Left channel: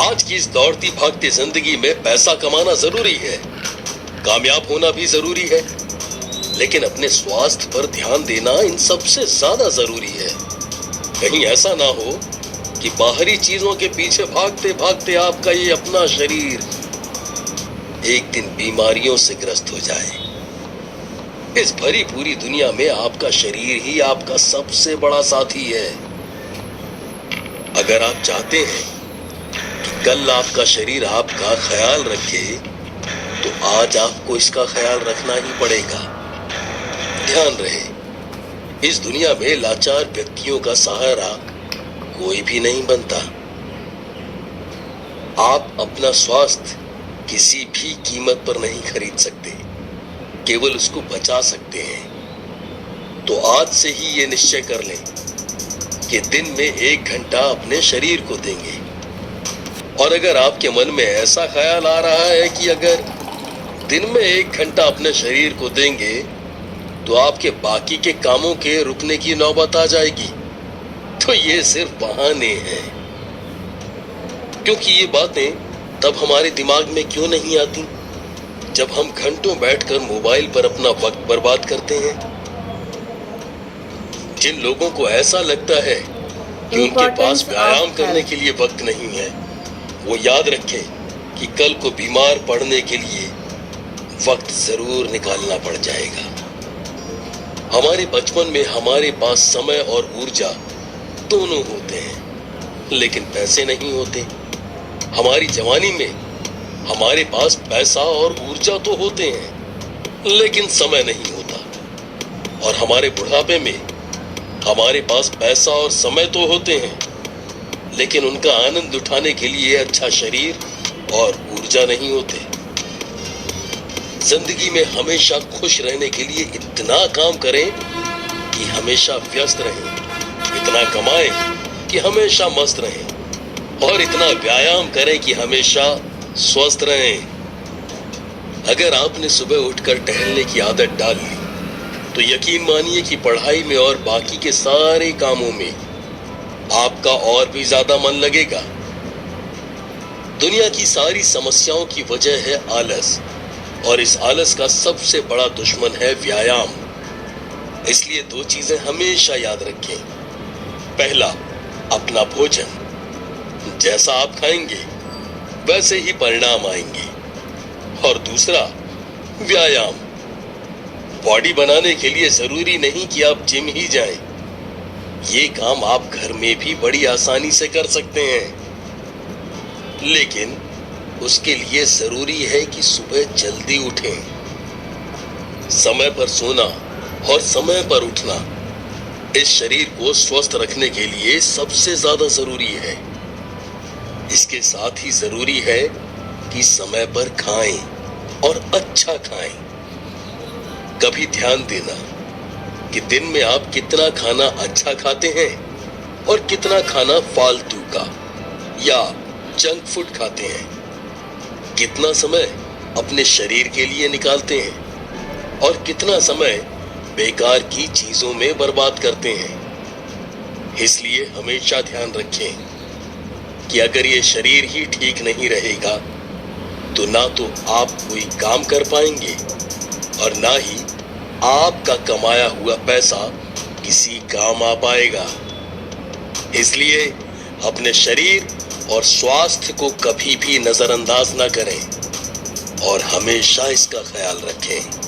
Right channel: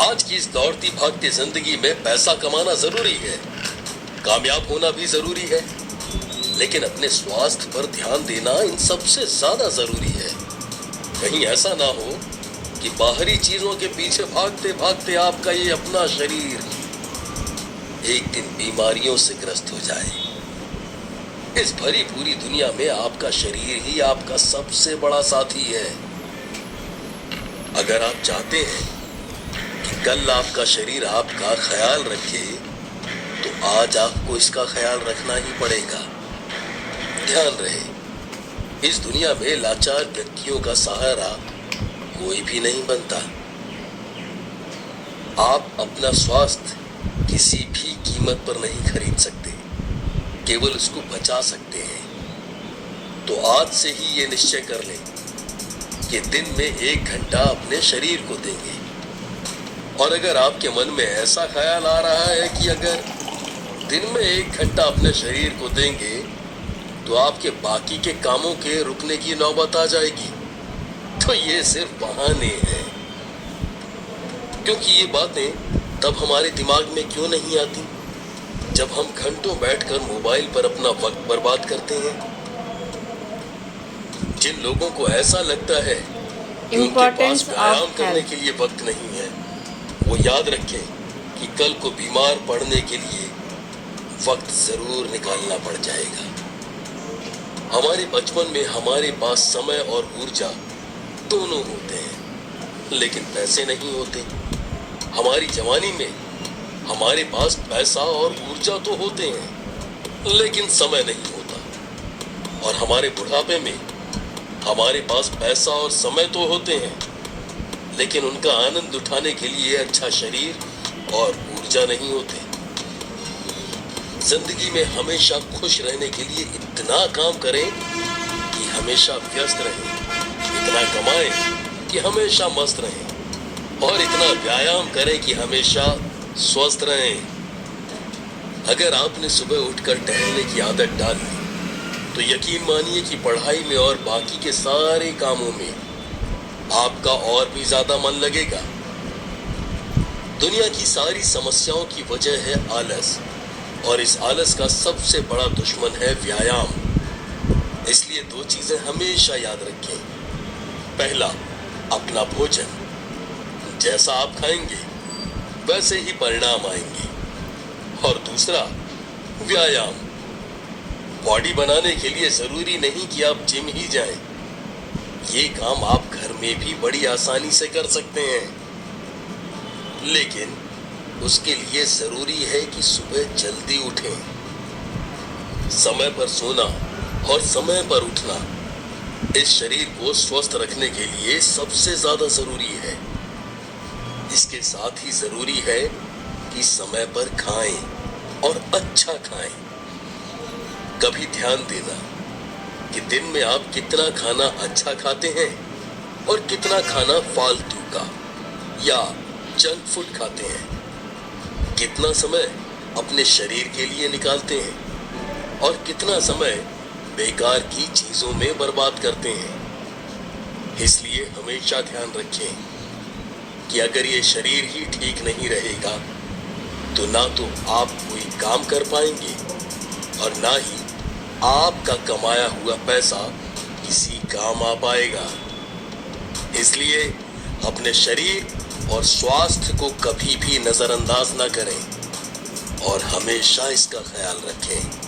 आज की इस दौड़ती भागती जिंदगी में पैसा कमाना जरूरी है, कामयाब होना भी जरूरी है, लेकिन अपने स्वास्थ्य पर ध्यान देना इन सबसे ज्यादा जरूरी है। कहीं ऐसा ना हो कि बाहरी चीजों के पीछे भागते भागते आपका ये अपना शरीर एक दिन बीमारियों से ग्रस्त हो जाए। इस भरी पूरी दुनिया में आपका शरीर ही आपका सबसे बड़ा साथी है। अगर आप चाहते हैं कि कल आपका शरीर आपका ख्याल रखे, तो आज आपको इसका ख्याल रखना ही पड़ेगा। ध्यान रहे, इस दुनिया में लाचार व्यक्तियों का सहारा कोई भी नहीं बनता। आप अपना स्वास्थ्य किसी भी कीमत पर नहीं खरीद सकते, केवल उसको बचा सकते हैं। तो आज से ही ये निश्चय कर लें कि दिन में 1 घंटा अपने शरीर को देंगे। और अगर आपके मन में ऐसा ख्याल आ रहा है कि अगर दिन में 1 घंटा अपने शरीर को देंगे तो आपके बाकी के कामों के रुकने की नौबत आ जाएगी, तो ये सिर्फ बहाने हैं। क्योंकि ये बातें तब हमारे दिमाग में क्यों नहीं आती जब हम घंटों बैठकर मोबाइल पर अपना वक्त बर्बाद करते हैं। जिन लोगों को ऐसा लगता है कि उनके पास व्यायाम करने के लिए वक्त नहीं है, वो याद रखें कि कल को बीमार पड़ने के लिए वक्त जरूर निकालना पड़ जाएगा। हमारे बचपन में हमारे पास समय और ऊर्जा दोनों होते हैं, लेकिन पैसे नहीं होते। हमारी जवानी में हमारे पास पैसा और ऊर्जा तो होते हैं, लेकिन समय नहीं होता। और हमारे बुढ़ापे में हमारे पास पैसा और समय तो होते हैं, लेकिन उनका आनंद उठाने के लिए अच्छा शरीर और ऊर्जा नहीं होते। जिंदगी में हमेशा खुश रहने के लिए इतना काम करें कि हमेशा व्यस्त रहें, इतना कमाएं कि हमेशा मस्त रहें, और इतना व्यायाम करें कि हमेशा स्वस्थ रहें। अगर आपने सुबह उठकर टहलने की आदत डाल ली, तो यकीन मानिए कि पढ़ाई में और बाकी के सारे कामों में आपका और भी ज्यादा मन लगेगा। दुनिया की सारी समस्याओं की वजह है आलस, और इस आलस का सबसे बड़ा दुश्मन है व्यायाम। इसलिए 2 चीजें हमेशा याद रखें। पहला, अपना भोजन। जैसा आप खाएंगे वैसे ही परिणाम आएंगे। और दूसरा, व्यायाम। बॉडी बनाने के लिए जरूरी नहीं कि आप जिम ही जाएं। ये काम आप घर में भी बड़ी आसानी से कर सकते हैं, लेकिन उसके लिए जरूरी है कि सुबह जल्दी उठें। समय पर सोना और समय पर उठना इस शरीर को स्वस्थ रखने के लिए सबसे ज्यादा जरूरी है। इसके साथ ही जरूरी है कि समय पर खाएं और अच्छा खाएं। कभी ध्यान देना कि दिन में आप कितना खाना अच्छा खाते हैं और कितना खाना फालतू का या जंक फूड खाते हैं। कितना समय अपने शरीर के लिए निकालते हैं और कितना समय बेकार की चीजों में बर्बाद करते हैं। इसलिए हमेशा ध्यान रखें कि अगर ये शरीर ही ठीक नहीं रहेगा, तो ना तो आप कोई काम कर पाएंगे और ना ही आपका कमाया हुआ पैसा किसी काम आ पाएगा। इसलिए अपने शरीर और स्वास्थ्य को कभी भी नजरअंदाज ना करें और हमेशा इसका ख्याल रखें।